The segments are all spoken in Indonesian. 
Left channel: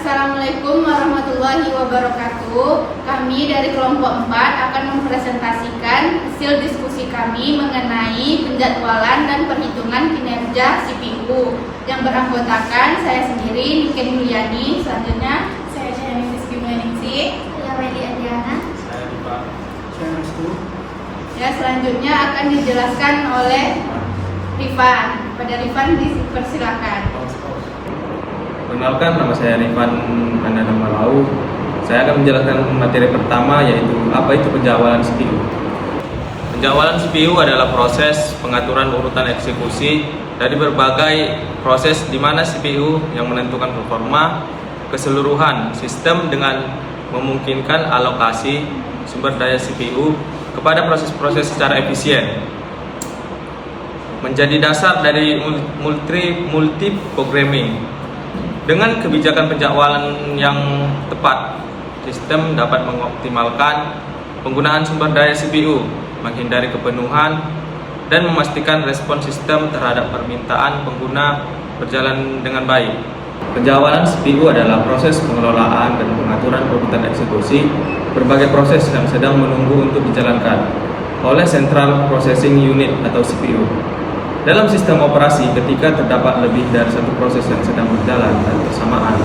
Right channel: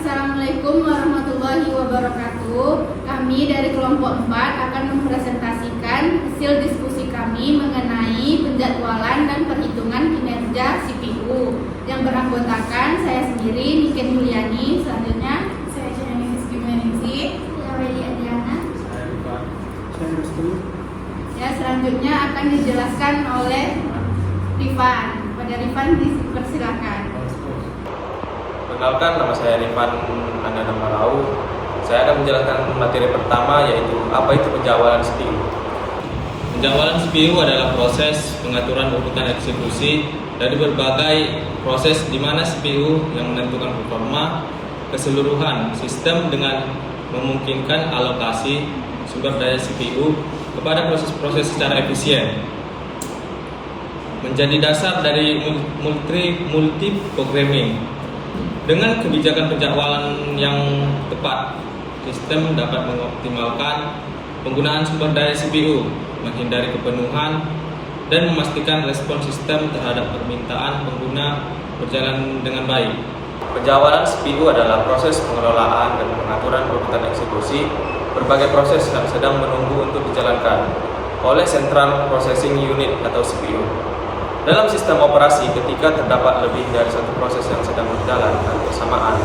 Assalamualaikum warahmatullahi wabarakatuh. Kami dari kelompok 4 akan mempresentasikan hasil diskusi kami mengenai penjadwalan dan perhitungan kinerja CPU yang beranggotakan saya sendiri, Niken Yuliani, selanjutnya Saya Janis Gimningsi. Saya Weli Adriana. ya, selanjutnya akan dijelaskan oleh Rifan. Pada Rifan dipersilakan. Perkenalkan, nama saya Rifan Ananda Malau. Saya akan menjelaskan materi pertama, yaitu apa itu penjadwalan CPU. Penjadwalan CPU adalah proses pengaturan urutan eksekusi dari berbagai proses di mana CPU yang menentukan performa keseluruhan sistem dengan memungkinkan alokasi sumber daya CPU kepada proses-proses secara efisien. Menjadi dasar dari multi-programming. Dengan kebijakan penjadwalan yang tepat, sistem dapat mengoptimalkan penggunaan sumber daya CPU, menghindari kepenuhan, dan memastikan respon sistem terhadap permintaan pengguna berjalan dengan baik. Penjadwalan CPU adalah proses pengelolaan dan pengaturan urutan eksekusi berbagai proses yang sedang menunggu untuk dijalankan oleh Central Processing Unit atau CPU. Dalam sistem operasi, ketika terdapat lebih dari satu proses yang sedang berjalan bersamaan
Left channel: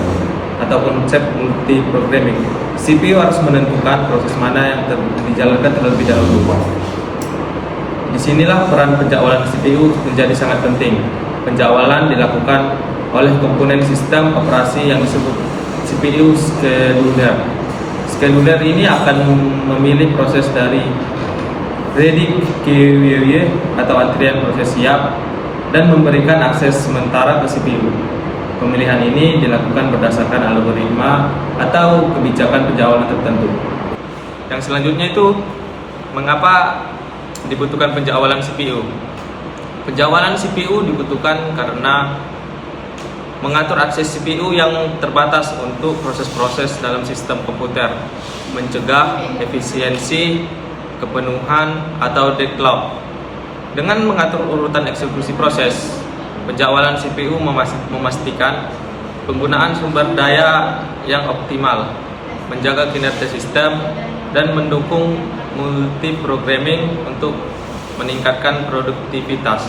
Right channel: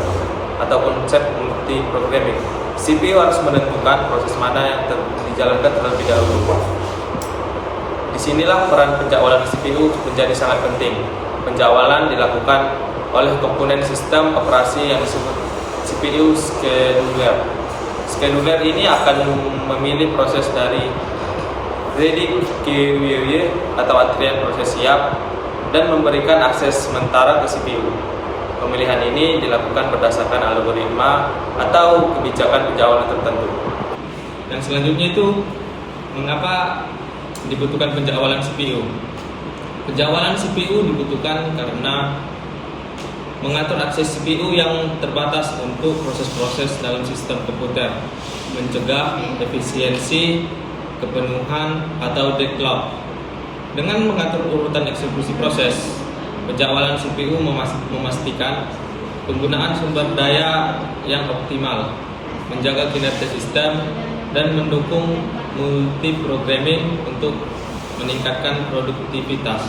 atau konsep multi-programming, CPU harus menentukan proses mana yang dijalankan terlebih dahulu. Disinilah peran penjadwalan CPU menjadi sangat penting. Penjadwalan dilakukan oleh komponen sistem operasi yang disebut CPU scheduler. Scheduler ini akan memilih proses dari ready queue atau antrian proses siap dan memberikan akses sementara ke CPU. Pemilihan ini dilakukan berdasarkan algoritma atau kebijakan penjadwalan tertentu. Yang selanjutnya itu mengapa dibutuhkan penjadwalan CPU. Penjadwalan CPU dibutuhkan karena mengatur akses CPU yang terbatas untuk proses-proses dalam sistem komputer, mencegah efisiensi, kepenuhan, atau deadlock. Dengan mengatur urutan eksekusi proses, penjadwalan CPU memastikan penggunaan sumber daya yang optimal, menjaga kinerja sistem, dan mendukung multi-programming untuk meningkatkan produktivitas.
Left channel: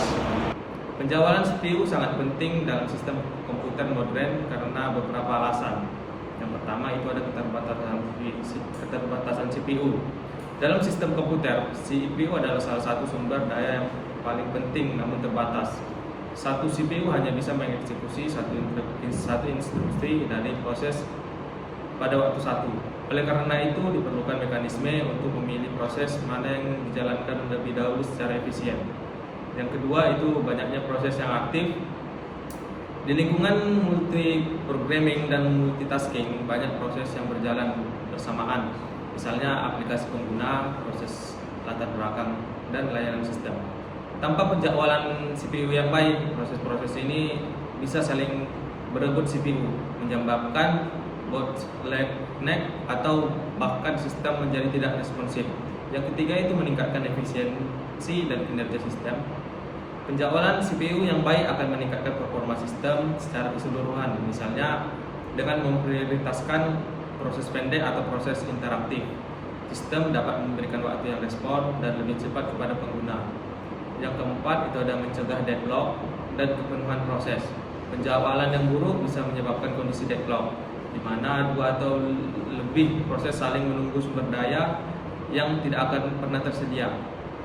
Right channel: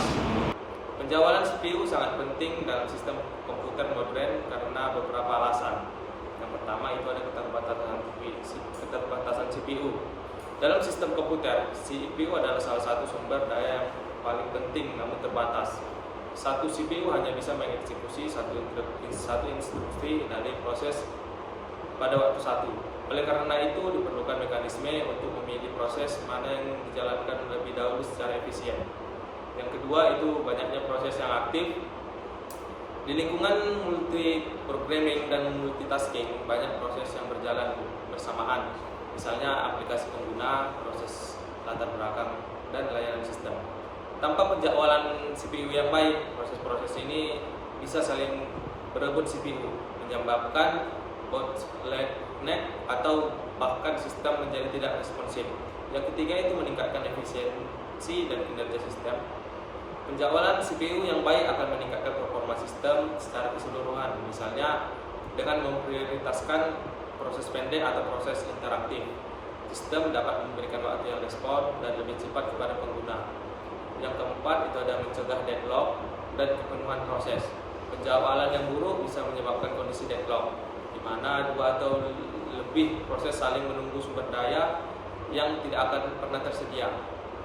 Penjadwalan CPU sangat penting dalam sistem komputer modern karena beberapa alasan. Yang pertama itu ada keterbatasan CPU. Dalam sistem komputer, CPU adalah salah satu sumber daya yang paling penting namun terbatas. Satu CPU hanya bisa mengeksekusi satu instruksi dari proses pada waktu satu. Oleh karena itu, diperlukan mekanisme untuk memilih proses mana yang dijalankan lebih dahulu secara efisien. Yang kedua itu banyaknya proses yang aktif. Di lingkungan multi-programming dan multitasking, banyak proses yang berjalan bersamaan. Misalnya aplikasi pengguna, proses latar belakang, dan layanan sistem. Tanpa penjadwalan CPU yang baik, proses-proses ini bisa saling berebut CPU, menyebabkan bottleneck atau bahkan sistem menjadi tidak responsif. Yang ketiga itu meningkatkan efisiensi dan kinerja sistem. Penjadwalan CPU yang baik akan meningkatkan performa sistem secara keseluruhan, misalnya dengan memprioritaskan proses pendek atau proses interaktif. Sistem dapat memberikan waktu yang respon dan lebih cepat kepada pengguna. Yang keempat itu ada mencegah deadlock dan kepenuhan proses. Penjadwalan yang buruk bisa menyebabkan kondisi deadlock, di mana dua atau lebih proses saling menunggu sumber daya yang tidak akan pernah tersedia.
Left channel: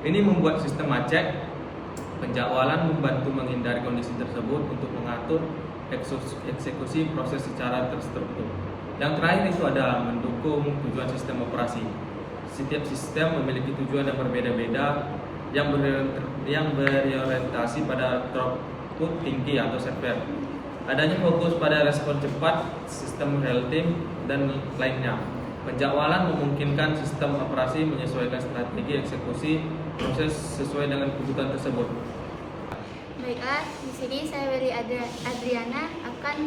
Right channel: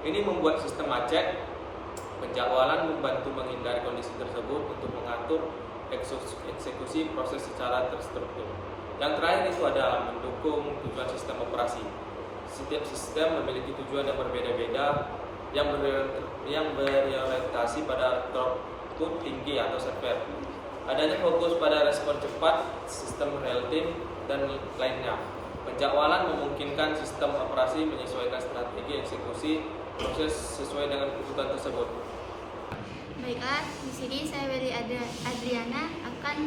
Ini membuat sistem macet. Penjadwalan membantu menghindari kondisi tersebut untuk mengatur eksekusi proses secara terstruktur. Yang terakhir itu ada mendukung tujuan sistem operasi. Setiap sistem memiliki tujuan yang berbeda-beda yang berorientasi pada throughput tinggi atau server. Adanya fokus pada respon cepat, sistem real time, dan lainnya. Penjadwalan memungkinkan sistem operasi menyesuaikan strategi eksekusi proses sesuai dengan kebutuhan tersebut. Baiklah, di sini saya Weli Adriana akan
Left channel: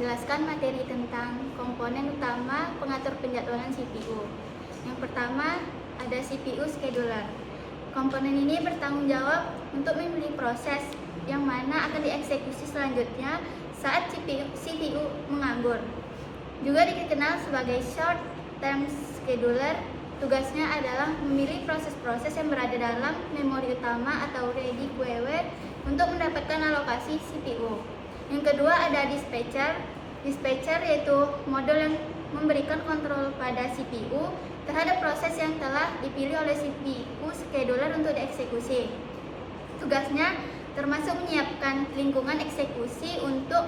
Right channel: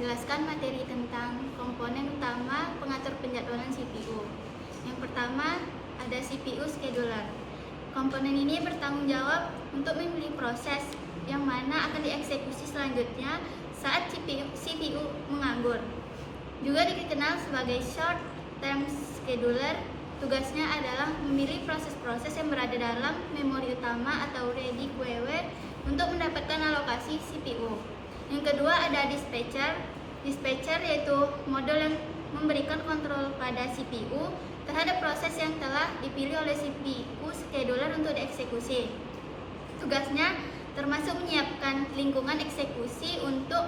menjelaskan materi tentang komponen utama pengatur penjadwalan CPU. Yang pertama ada CPU scheduler. Komponen ini bertanggung jawab untuk memilih proses yang mana akan dieksekusi selanjutnya saat CPU CPU menganggur. Juga dikenal sebagai short term scheduler, tugasnya adalah memilih proses-proses yang berada dalam memori utama atau ready queue untuk mendapatkan alokasi CPU. Yang kedua ada dispatcher. Dispatcher yaitu modul yang memberikan kontrol pada CPU terhadap proses yang telah dipilih oleh CPU scheduler untuk dieksekusi. Tugasnya termasuk menyiapkan lingkungan eksekusi untuk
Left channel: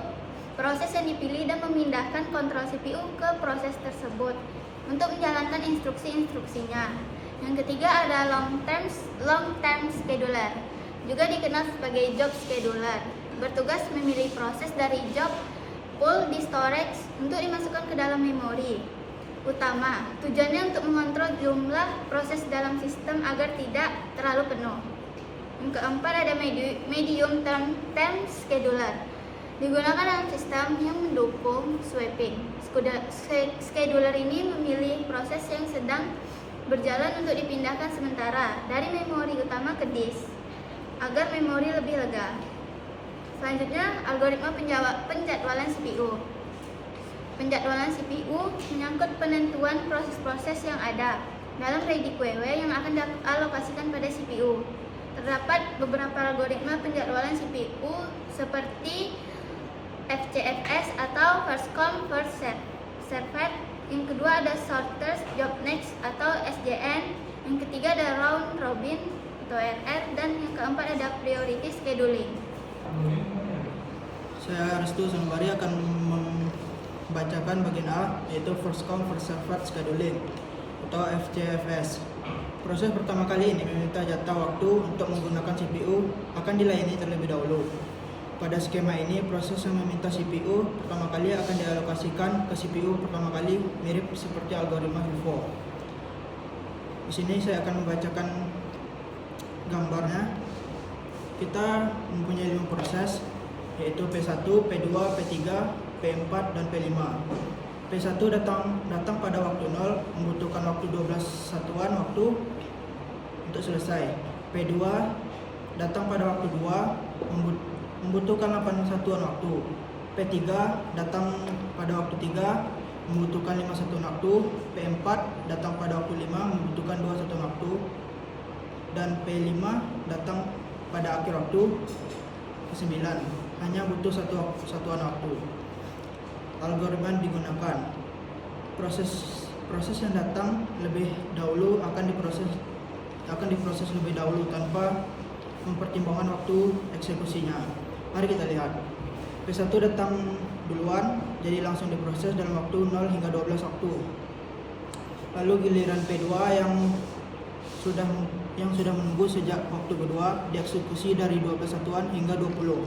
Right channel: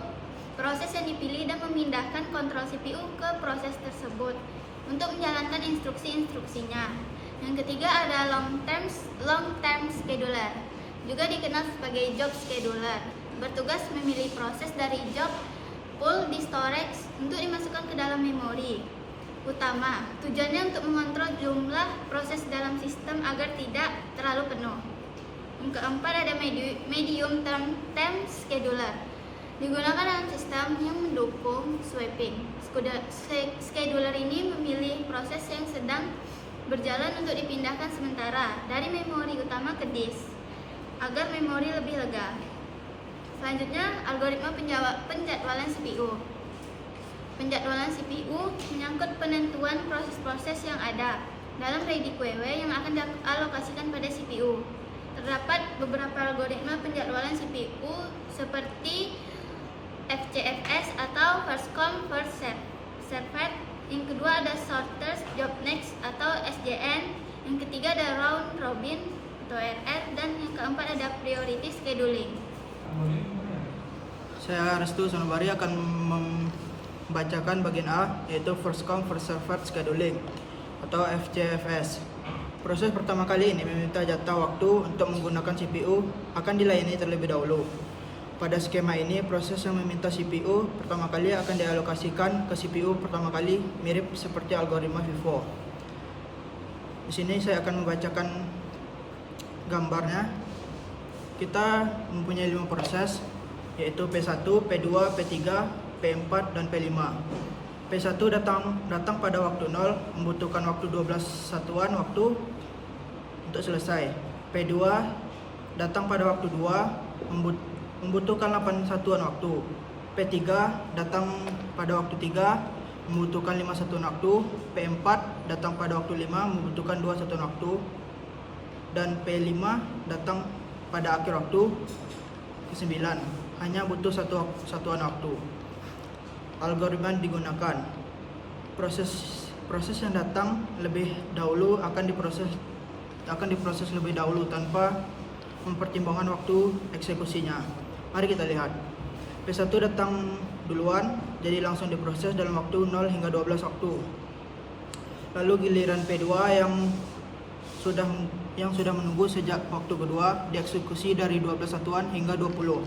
proses yang dipilih dan memindahkan kontrol CPU ke proses tersebut untuk menjalankan instruksi-instruksinya. Yang ketiga ada long term scheduler, juga dikenal sebagai job scheduler, bertugas memilih proses dari job pool di storage untuk dimasukkan ke dalam memori utama. Tujuannya untuk mengontrol jumlah proses dalam sistem agar tidak terlalu penuh. Yang keempat ada medium term scheduler, digunakan dalam sistem yang mendukung swapping. Scheduler ini memilih proses yang sedang berjalan untuk dipindahkan sementara dari memori utama ke disk agar memori lebih lega. Selanjutnya, algoritma penjadwalan CPU. Penjadwalan CPU menyangkut penentuan proses-proses yang ada dalam ready queue yang akan dialokasikan pada CPU. Terdapat beberapa algoritma penjadwalan CPU seperti FCFS atau first come first served. Yang kedua ada shortest job next atau SJN. Yang ketiga ada round robin atau RR, dan yang keempat ada priority scheduling. Saya Restu Sanubari akan membacakan bagian A, yaitu first come first served scheduling atau FCFS. Proses pertama kali ini meminta jatah waktu untuk menggunakan CPU akan dilayani terlebih dahulu. Pada skema ini, proses yang meminta CPU pertama kali akan dialokasikan ke CPU pertama kali, mirip seperti algoritma FIFO. Di sini saya akan membacakan gambarnya. Kita mempunyai 5 proses, yaitu P1, P2, P3, P4, dan P5. P1 datang pada waktu 0, membutuhkan waktu 12 satuan waktu untuk selesai. P2 datang pada waktu 2, membutuhkan 8 satuan waktu. P3 datang pada waktu 3, membutuhkan 5 satuan waktu. P4 datang pada waktu 5, membutuhkan 2 satuan waktu. Dan P5 datang pada akhir waktu ke-9, hanya butuh 1 satuan waktu. Algoritma digunakan. Proses yang datang lebih dahulu akan diproses lebih dahulu tanpa mempertimbangkan waktu eksekusinya. Mari kita lihat. P1 datang duluan, jadi langsung diproses dalam waktu 0 hingga 12 waktu. Lalu giliran P2 yang sudah menunggu sejak waktu kedua dieksekusi dari 12 satuan hingga 20.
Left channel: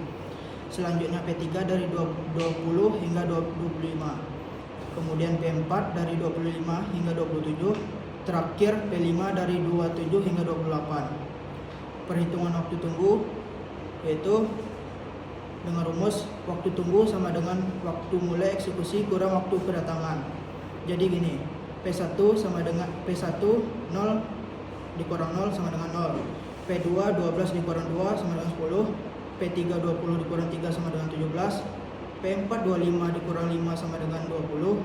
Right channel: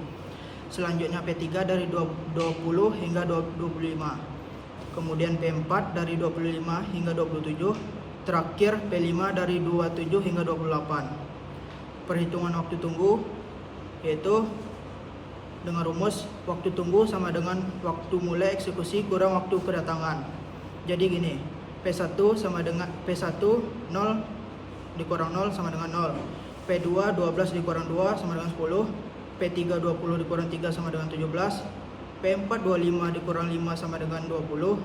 Selanjutnya P3 dari 20 hingga 25. Kemudian P4 dari 25 hingga 27. Terakhir P5 dari 27 hingga 28. Perhitungan waktu tunggu yaitu dengan rumus waktu tunggu sama dengan waktu mulai eksekusi kurang waktu kedatangan. Jadi gini, P1 sama dengan P1 0 dikurang 0 sama dengan 0. P2 12 dikurang 2 sama dengan 10. P3 20 dikurang 3 sama dengan 17. P4 25 dikurang 5 sama dengan 20.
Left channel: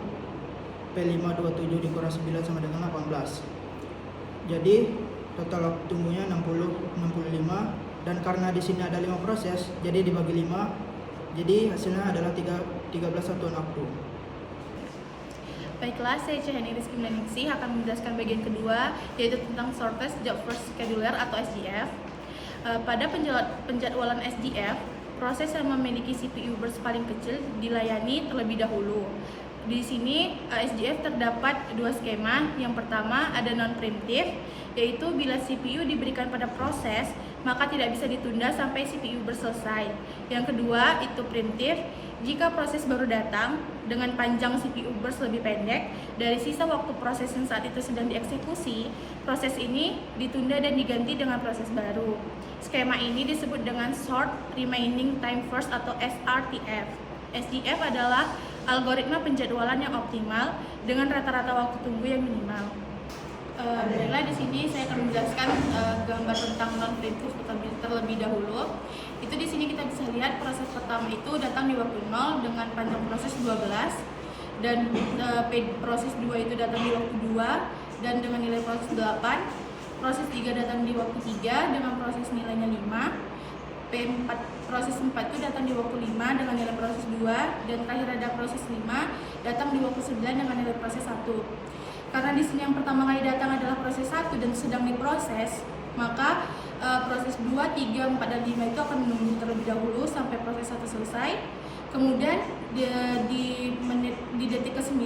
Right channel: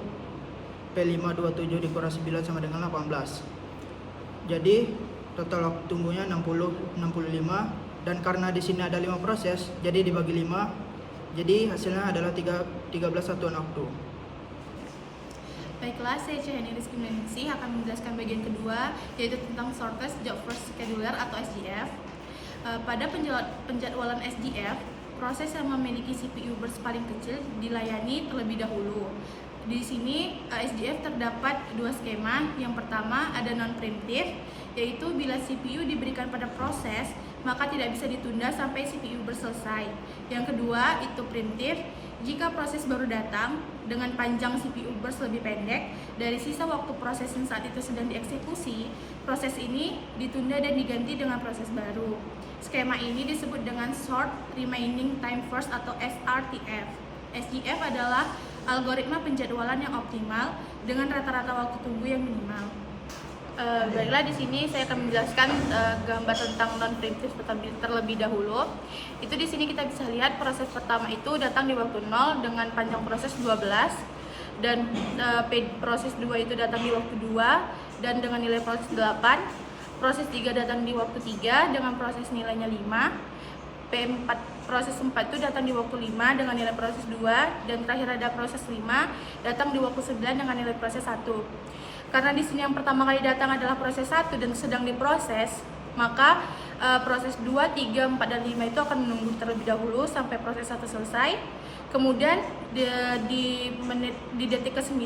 P5 27 dikurang 9 sama dengan 18. Jadi total waktu tunggunya 65, dan karena di sini ada 5 proses, jadi dibagi 5. Jadi hasilnya adalah 13 satuan waktu. Baiklah, saya Cahani Rizky Meningsih akan menjelaskan bagian kedua, yaitu tentang shortest job first scheduler atau SJF. Pada penjadwalan SJF, proses yang memiliki CPU burst paling kecil dilayani terlebih dahulu. Di sini SJF terdapat 2 skema. Yang pertama ada non-preemptive, yaitu bila CPU diberikan pada proses, maka tidak bisa ditunda sampai CPU selesai. Yang kedua itu preemptive, jika proses baru datang dengan panjang CPU burst lebih pendek dari sisa waktu proses yang saat itu sedang dieksekusi, proses ini ditunda dan diganti dengan proses baru. Skema ini disebut dengan Short Remaining Time First atau SRTF. SJF adalah algoritma penjadwalan yang optimal dengan rata-rata waktu tunggu yang minimal. Baiklah, di sini saya akan menjelaskan gambar tentang non-preemptive terlebih dahulu. Itu di sini kita bisa lihat proses pertama itu datang di waktu 0 dengan panjang proses 12, dan proses 2 itu datang di waktu 2 dan dengan nilai proses 8. Proses 3 datang di waktu 3 dengan proses nilainya 5. P4 proses 4 itu datang di waktu 5 dengan nilai proses 2, dan terakhir ada proses 5 datang di waktu 9 dengan nilai proses 1. Karena di sini yang pertama kali datang adalah proses 1 dan sedang diproses, maka proses 2, 3, 4, dan 5 itu akan menunggu terlebih dahulu sampai proses 1 selesai. Kemudian di detik ke-9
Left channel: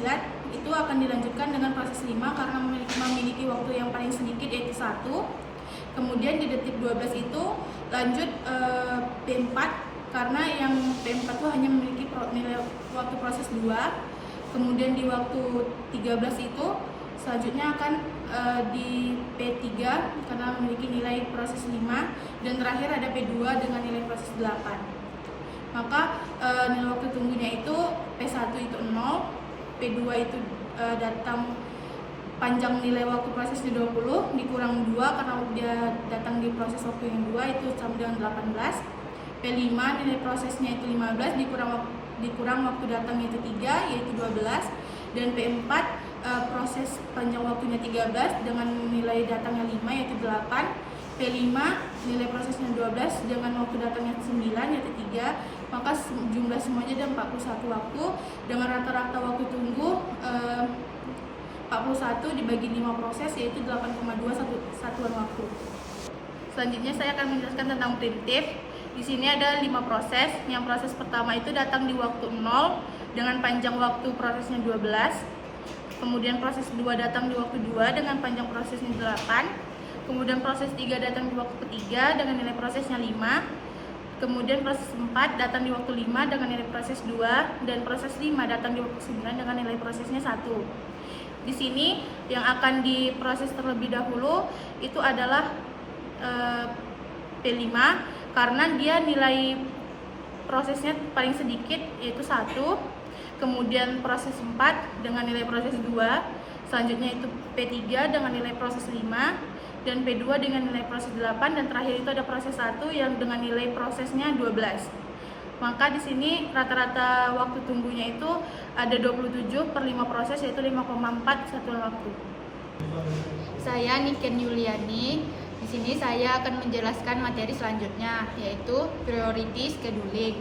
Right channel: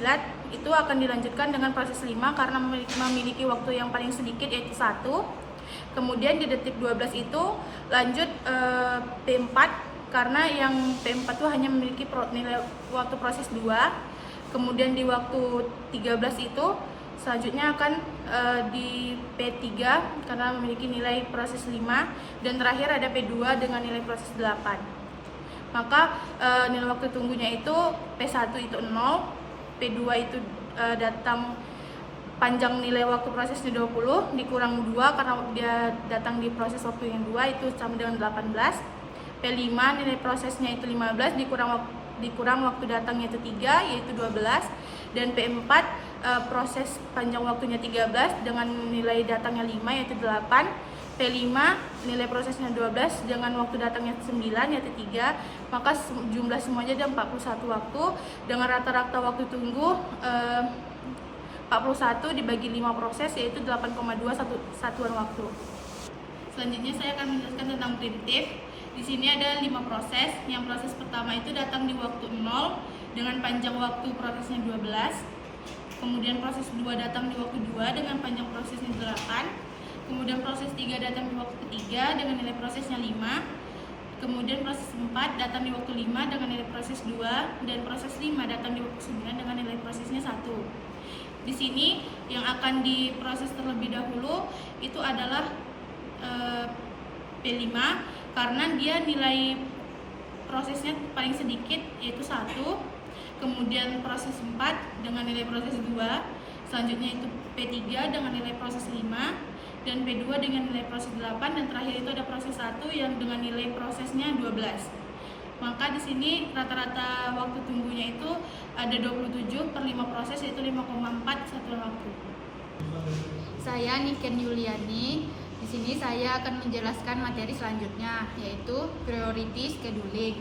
itu akan dilanjutkan dengan proses 5 karena memiliki waktu yang paling sedikit, yaitu 1. Kemudian di detik 12 itu lanjut P4 karena yang P4 itu hanya memiliki nilai waktu proses 2. Kemudian di waktu 13 itu selanjutnya akan di P3 karena memiliki nilai proses 5, dan terakhir ada P2 dengan nilai proses 8. Maka nilai waktu tunggunya itu P1 itu 0, P2 itu datang panjang nilai waktu prosesnya 20 dikurang 2 karena dia datang di proses waktu yang 2 itu sama dengan 18. P5 nilai prosesnya itu 15 dikurang waktu datangnya itu 3 yaitu 12, dan P4 proses panjang waktunya 13 dengan nilai datangnya 5 yaitu 8. P5 nilai prosesnya 12 dengan waktu datangnya 9 yaitu 3. Maka jumlah semuanya ada 41 waktu dengan rata-rata waktu tunggu 41 dibagi 5 proses yaitu 8,2 satuan waktu. Selanjutnya saya akan menjelaskan tentang primitif. Di sini ada 5 proses. Yang proses pertama itu datang di waktu 0 dengan panjang waktu prosesnya 12. Kemudian proses 2 datang di waktu 2 dengan panjang prosesnya 8. Kemudian proses 3 datang di waktu ketiga dengan nilai prosesnya 5. Kemudian proses 4 datang di waktu 5 dengan nilai proses 2, dan proses 5 datang di waktu 9 dengan nilai prosesnya 1. Di sini yang akan diproses terlebih dahulu itu adalah P5 karena dia nilai prosesnya paling sedikit yaitu 1. Kemudian proses 4 dengan nilai proses 2, selanjutnya itu P3 dengan nilai proses 5, dan P2 dengan nilai proses 8, dan terakhir itu ada proses 1 yang dengan nilai prosesnya 12. Maka di sini rata-rata waktu tunggunya itu ada 27 per 5 proses yaitu 5,4 satuan waktu. Saya Niken Yuliani. Di sini saya akan menjelaskan materi selanjutnya yaitu priority scheduling.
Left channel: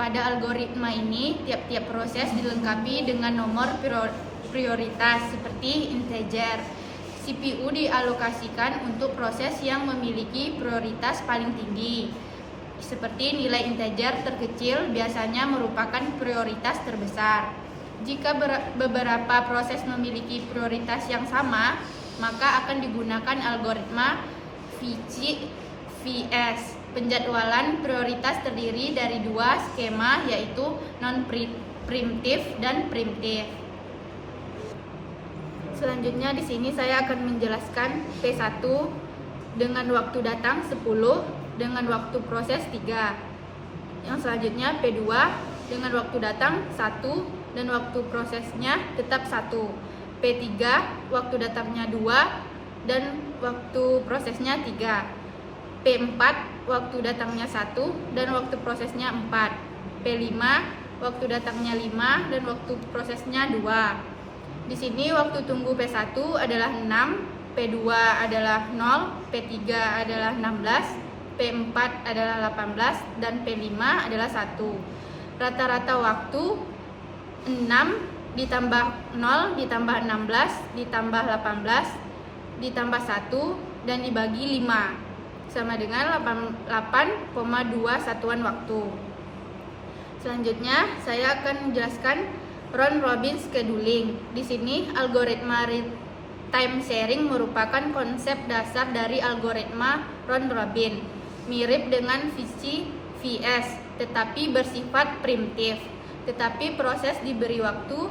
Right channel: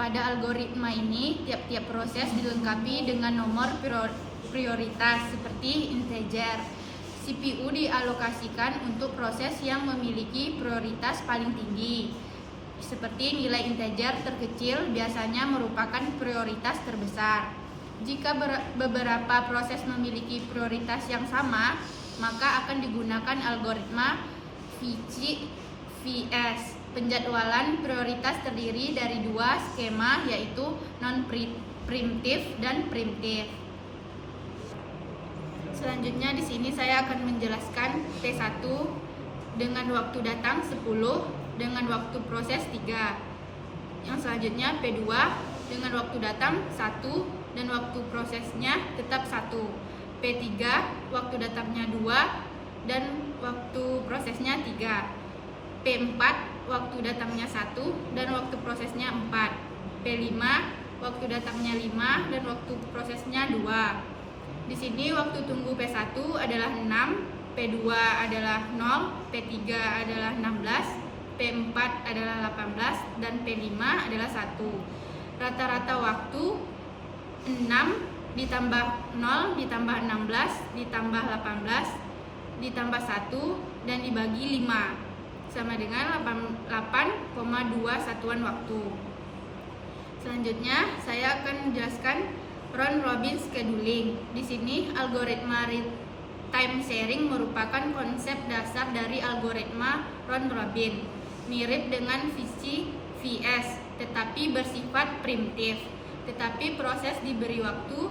Pada algoritma ini tiap-tiap proses dilengkapi dengan nomor prioritas seperti integer. CPU dialokasikan untuk proses yang memiliki prioritas paling tinggi. Seperti nilai integer terkecil biasanya merupakan prioritas terbesar. Jika beberapa proses memiliki prioritas yang sama, maka akan digunakan algoritma VCVS. Penjadwalan prioritas terdiri dari 2 skema yaitu non-preemptive dan preemptive. Selanjutnya di sini saya akan menjelaskan P1 dengan waktu datang 10 dengan waktu proses 3. Yang selanjutnya P2 dengan waktu datang 1 dan waktu prosesnya tetap 1. P3 waktu datangnya 2 dan waktu prosesnya 3. P4 waktu datangnya 1 dan waktu prosesnya 4. P5 waktu datangnya 5 dan waktu prosesnya 2. Di sini waktu tunggu P1 adalah 6, P2 adalah 0, P3 adalah 16, P4 adalah 18, dan P5 adalah 1. Rata-rata waktu 6 ditambah 0 ditambah 16 ditambah 18 ditambah 1 dan dibagi 5 sama dengan 8,2 satuan waktu. Selanjutnya saya akan menjelaskan round robin scheduling. Di sini algoritma time sharing merupakan konsep dasar dari algoritma round robin, mirip dengan VCVS tetapi bersifat primitif. Tetapi proses diberi waktu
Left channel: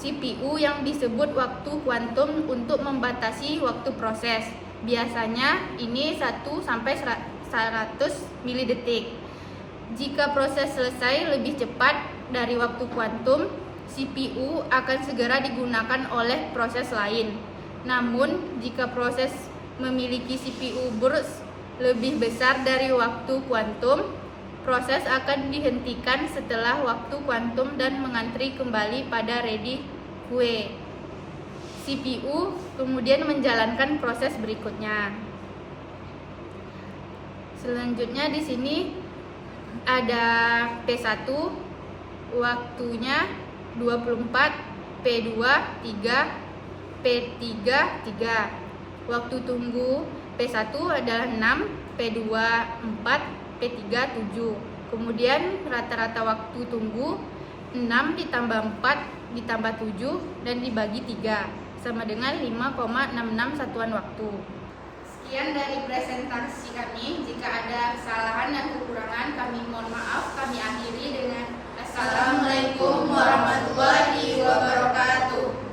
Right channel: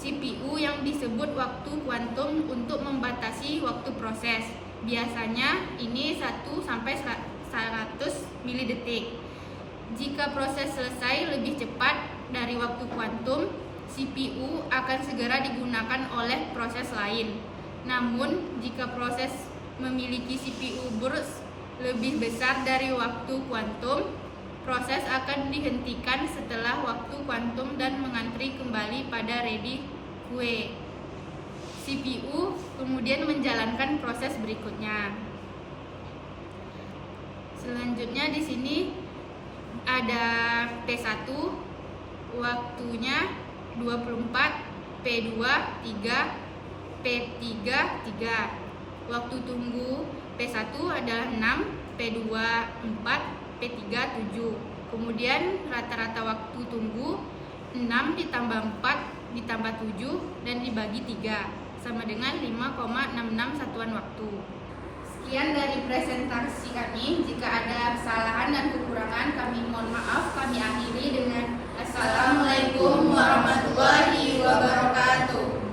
CPU yang disebut waktu kuantum untuk membatasi waktu proses. Biasanya ini 1 sampai 100 milidetik. Jika proses selesai lebih cepat dari waktu kuantum, CPU akan segera digunakan oleh proses lain. Namun, jika proses memiliki CPU burst lebih besar dari waktu kuantum, Proses akan dihentikan setelah waktu kuantum dan mengantri kembali pada ready queue. CPU kemudian menjalankan proses berikutnya. Selanjutnya di sini ada P1, waktunya 24, P2 3, P3 3. Waktu tunggu P1 adalah 6, P2 4, P3 7. Kemudian rata-rata waktu tunggu 6 ditambah 4 ditambah 7 dan dibagi 3 sama dengan 5,66 satuan waktu. Sekian dari presentasi kami. Jika ada kesalahan dan kekurangan kami mohon maaf. Kami akhiri dengan Assalamualaikum warahmatullahi wabarakatuh.